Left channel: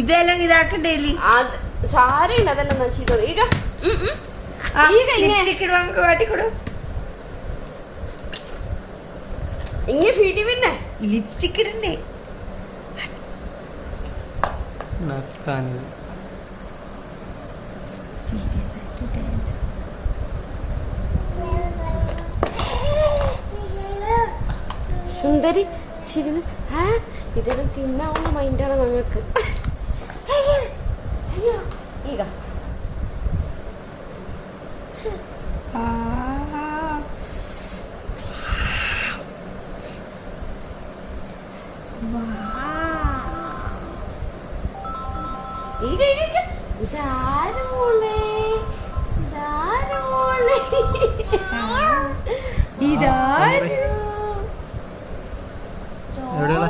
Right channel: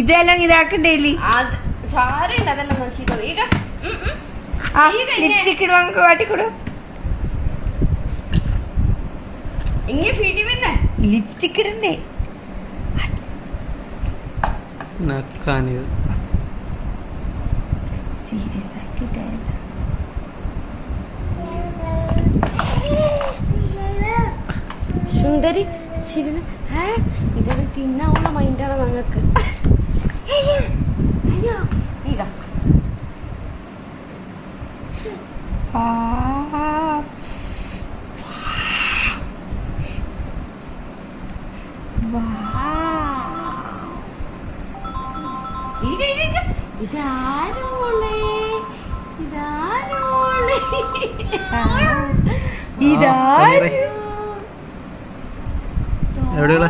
ഇതെല്ലാം ഇതാക്കണ്ടേ സാരമില്ല അതെല്ലാം ചെയ്തത്. ಈಗ ലിപ്സ്റ്റിക് ഇടുവാങ്ക കാട്ടിക്കൊടു. ഇങ്ങനെ ഫീഡി പിന്നെ ലിപ്സ്റ്റിക് ഇടണ്ടേ സുന്ദരി ശരി. ഇതൊക്കെ തിന്നാവുന്ന മൈൻഡാണ് ഞങ്ങൾക്ക്. അയ്യോ ಈಗ ಈಗ ಈಗ ഇതാര് മോളെ ഇതാര് മോളെ ഇതാര് എവിടെയുള്ള